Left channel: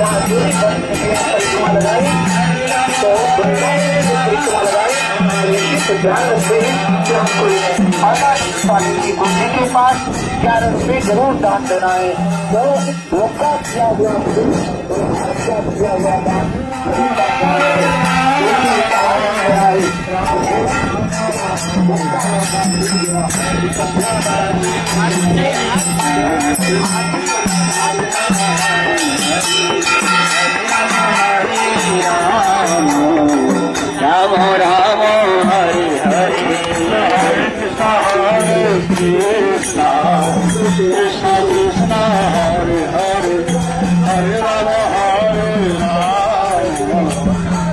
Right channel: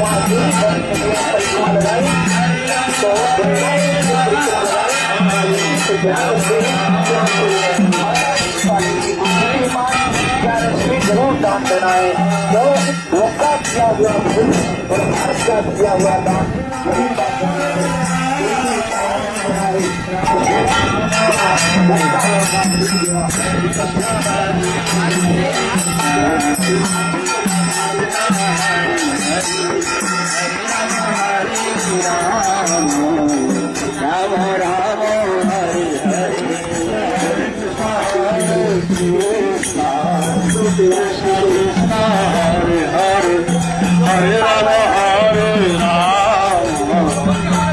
महादेव परिक्रमा लगाई तो परिक्रमा लगाई के पास 11 रुपये जरूर दान देना है। जो लोका किया हुआ और भारत का किया हुआ दान राम राम हरे हरे कृष्ण कृष्ण कृष्ण हरे हरे हरे राम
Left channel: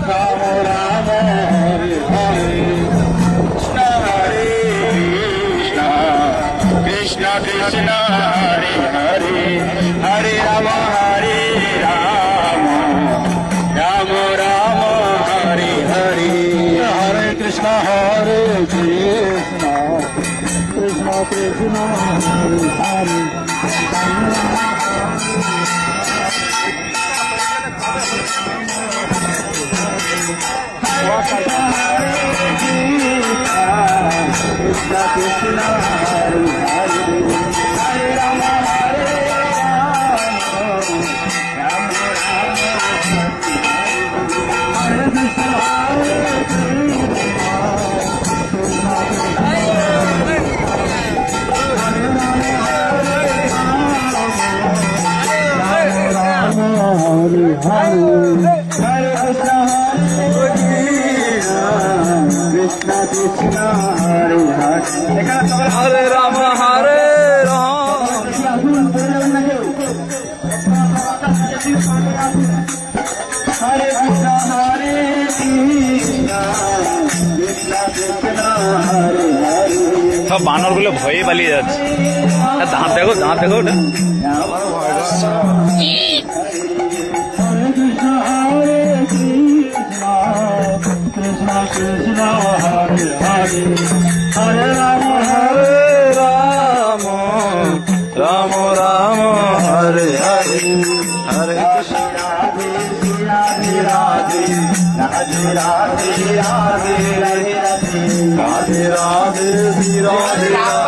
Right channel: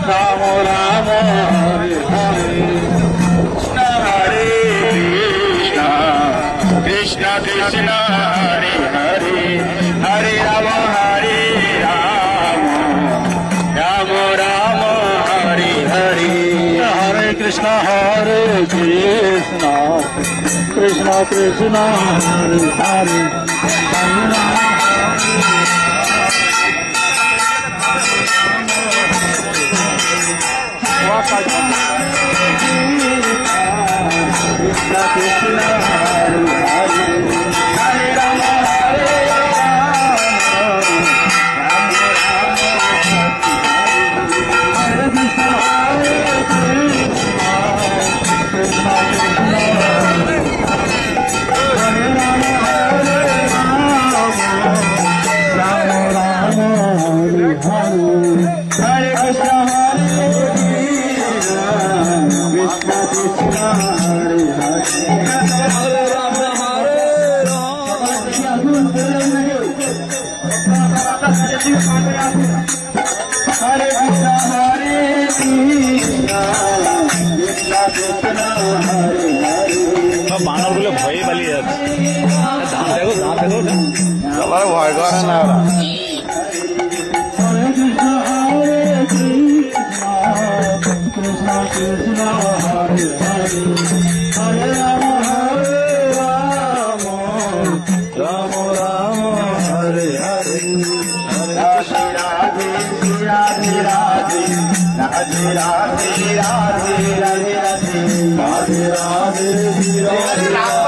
राम राम हरे हरे कृष्ण कृष्ण हरे हरे हरे राम राम राम हरे हरे हरे कृष्ण कृष्ण कृष्ण हरे हरे कृष्ण कृष्ण हरे हरे हरे राम हरे कृष्ण हरे राम हरे राम हरे कृष्ण हरे कृष्ण हरे हरे সব বানরগুলো ভয়ে পালিয়ে যাচ্ছে। দাঁত দেখো ওটা আবার ভয় করছে। कृष्ण कृष्ण हरे हरे हरे राम राम राम हरे हरे हरे राधे राधे राधे राधे राधे राधे राधे राधे राधे राधे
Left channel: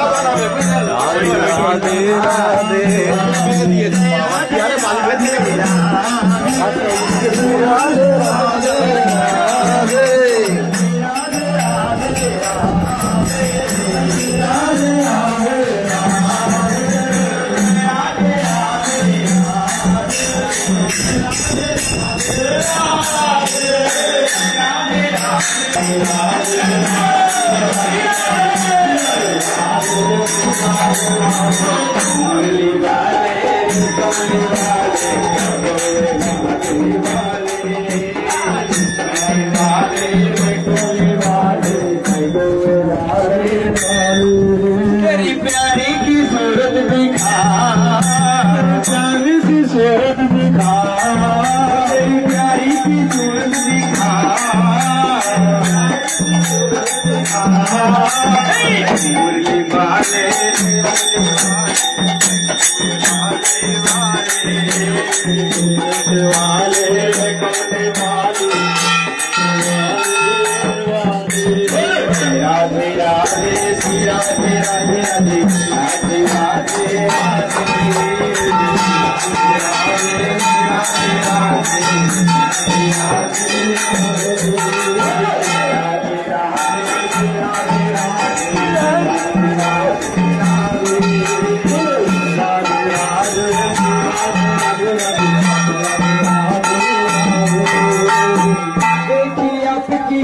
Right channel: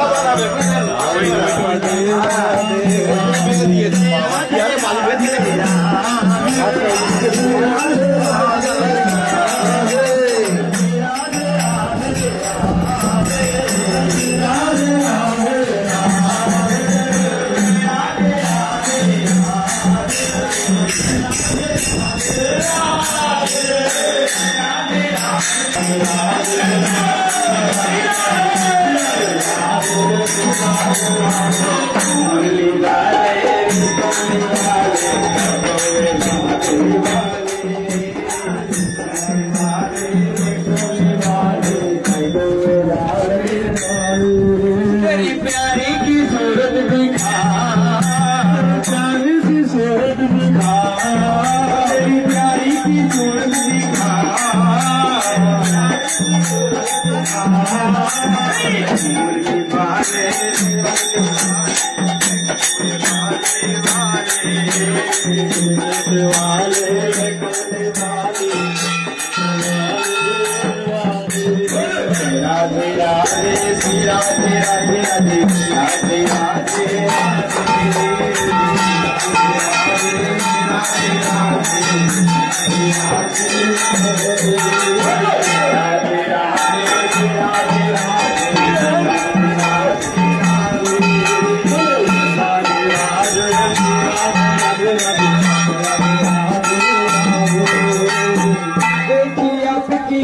तेरी प्यारी की सूरत दिखा, प्यारी की सूरत दिखा, तेरी प्यारी की सूरत दिखा, मुरली वाले राधे राधे श्री राधे राधे राधे राधे आपकी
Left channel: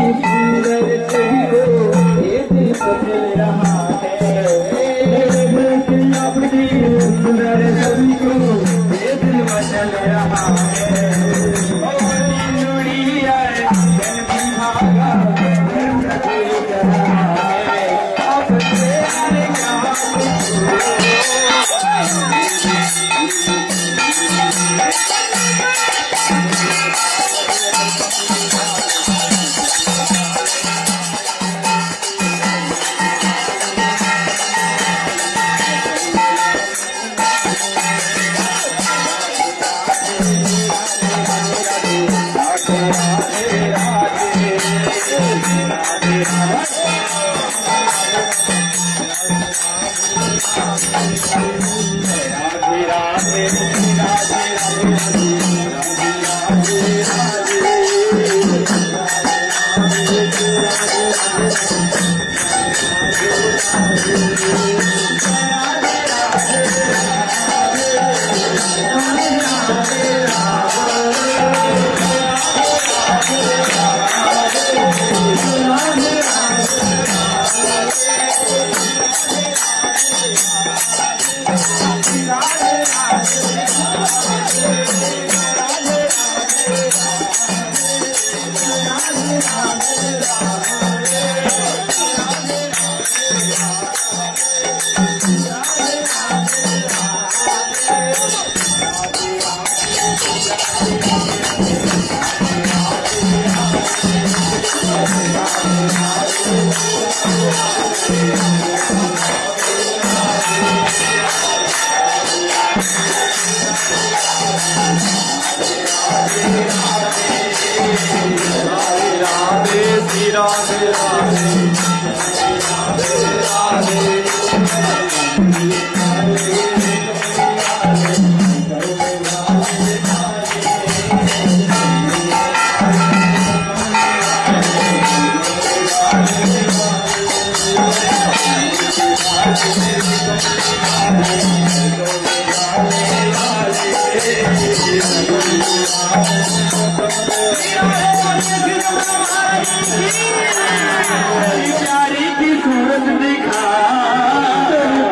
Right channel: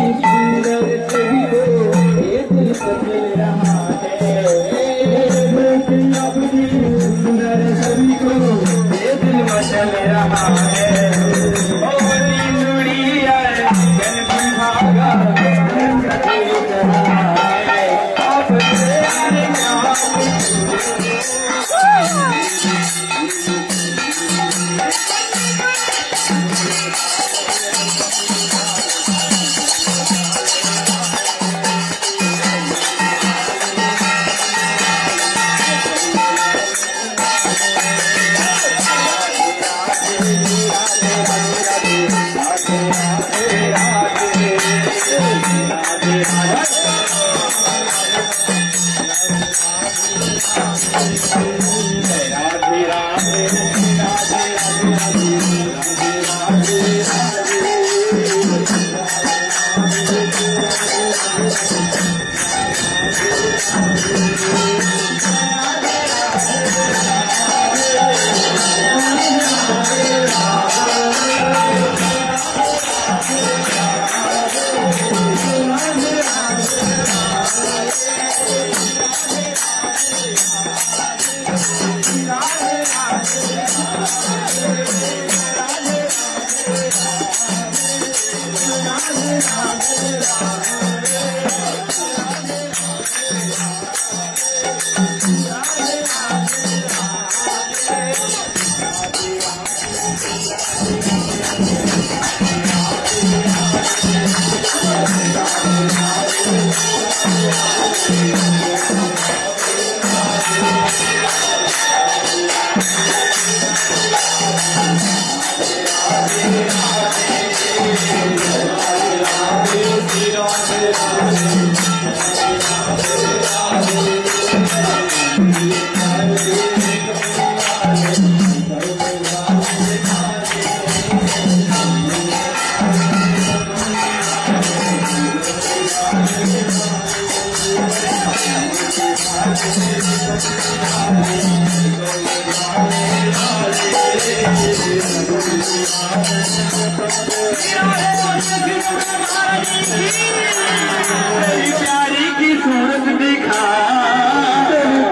प्यारी की सूरत दिखा,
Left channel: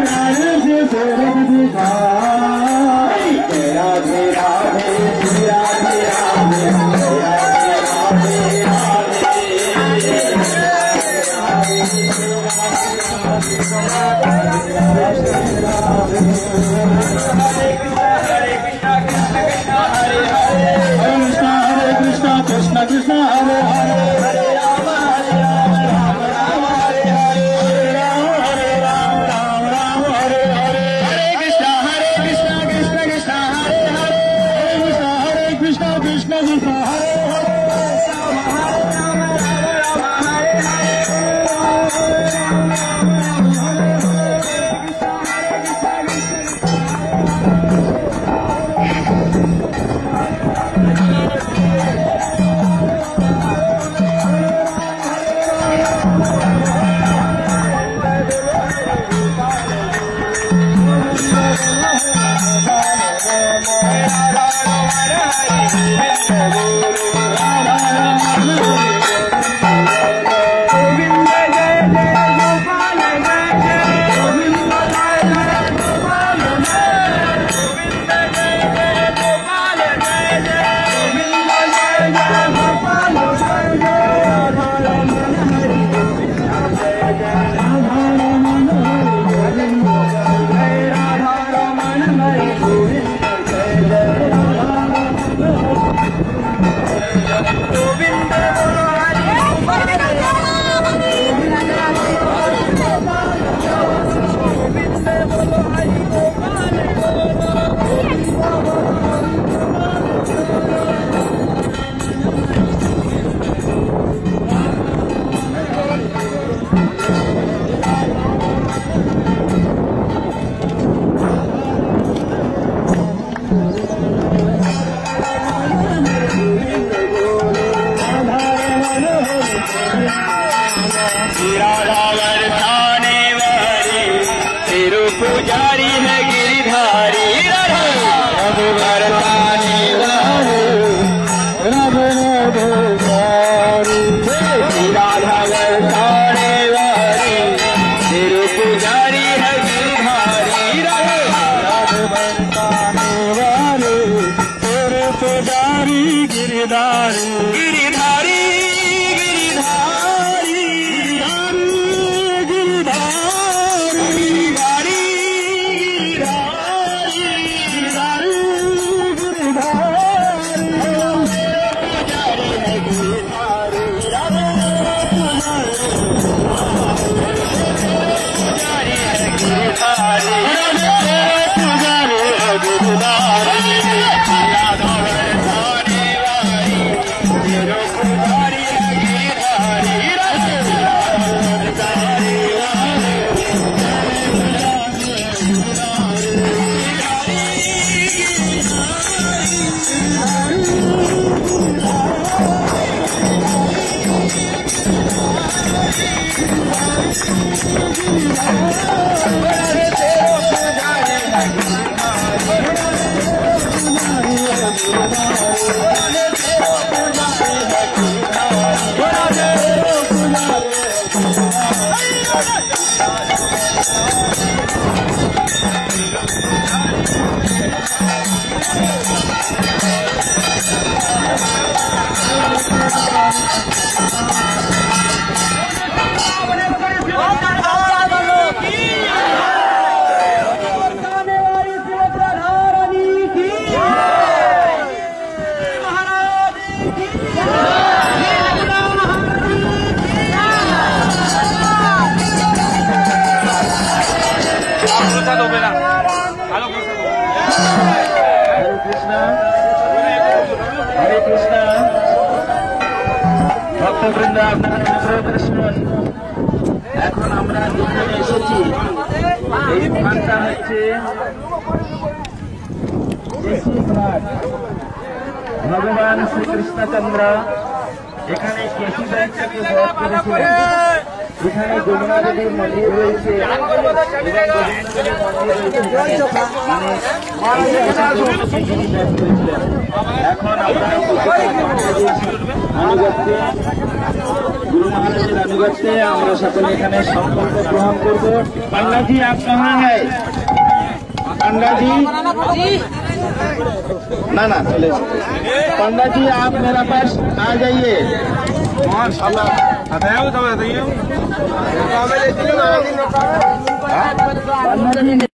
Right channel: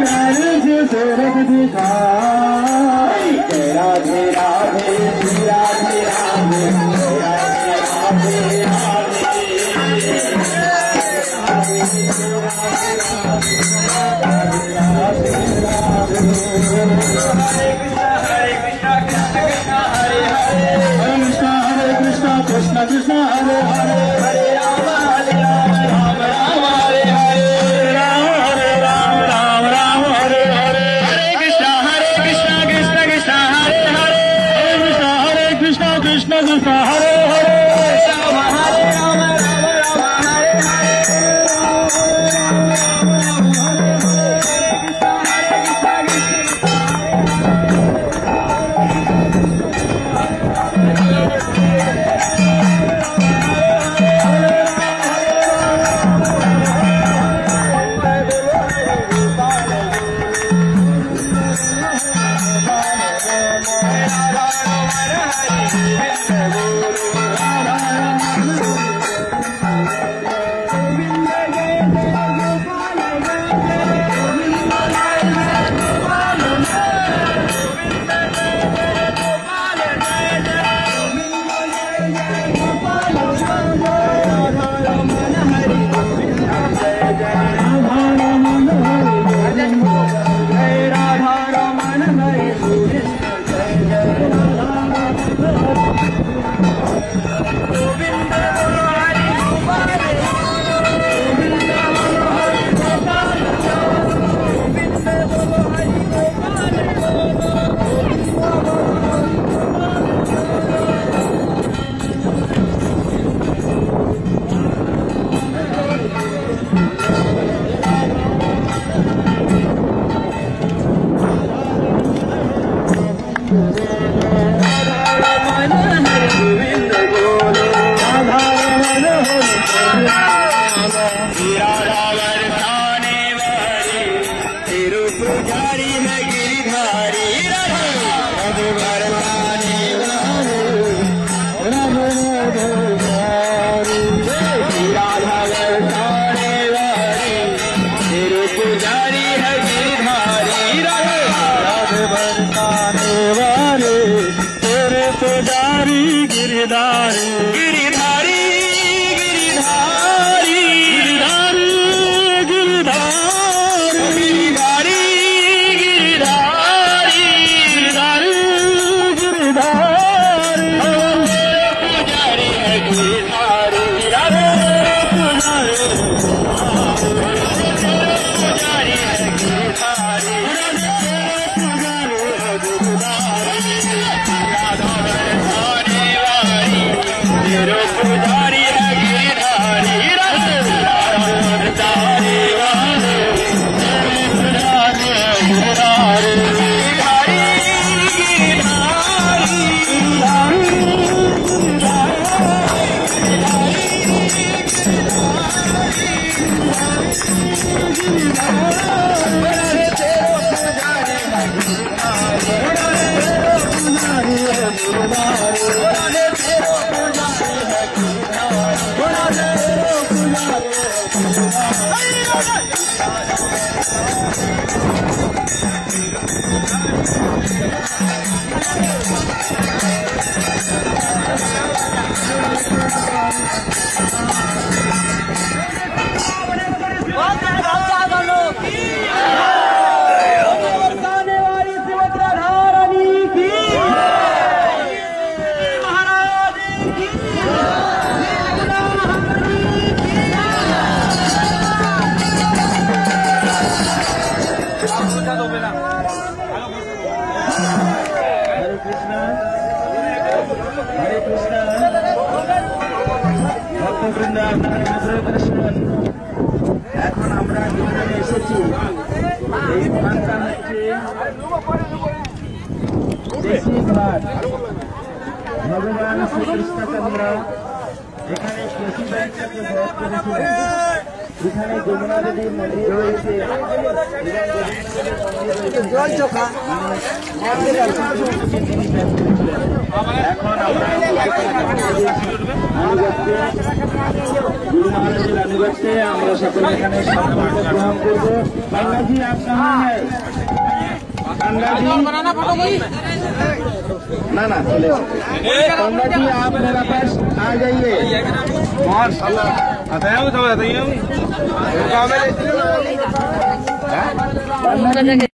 प्यारे से सूरत दिखा, तेरा तेरा तेरा Krishna Krishna Hare Hare Hare Rama Hare Rama Rama Rama Hare Hare Rama Hare Rama Rama Rama Hare Hare Hare Krishna Krishna Krishna Hare Hare Hare Krishna Krishna Krishna Hare Hare Rama Hare Rama Rama Rama Hare Hare पुजारी है गिरधारी राधा वर्ताने वाली तेरे पुजारी है गिरधारी राधा वर्ताने वाले तेरे पुजारी Girdhari Girdhari Pero हरे कृष्णा ভক্তবৃন্দ আপনারা অনুগ্রহ করে শুনুন। এখন আমরা দুজনে এসেছি, এই স্থানটা হচ্ছে দেশি ঘাট। ভগবান শ্রীকৃষ্ণচন্দ্র এখানে কেশি ব্যাংকটাকে বধ করেছিলেন। এখানে যমুনা দেবীর মন্দির রয়েছে এবং গোবিন্দ দেবীর মন্দির রয়েছে। এখন আমরা আনুগত্যে গুরু মহারাজের আনুগত্যে আমরা সকলে এখানে সংকল্প গ্রহণ করব। पांडा जी आप कहाँ हैं? पांडा जी ना चले। पांडा जी आप मेरा पास आ जाइए। बताइए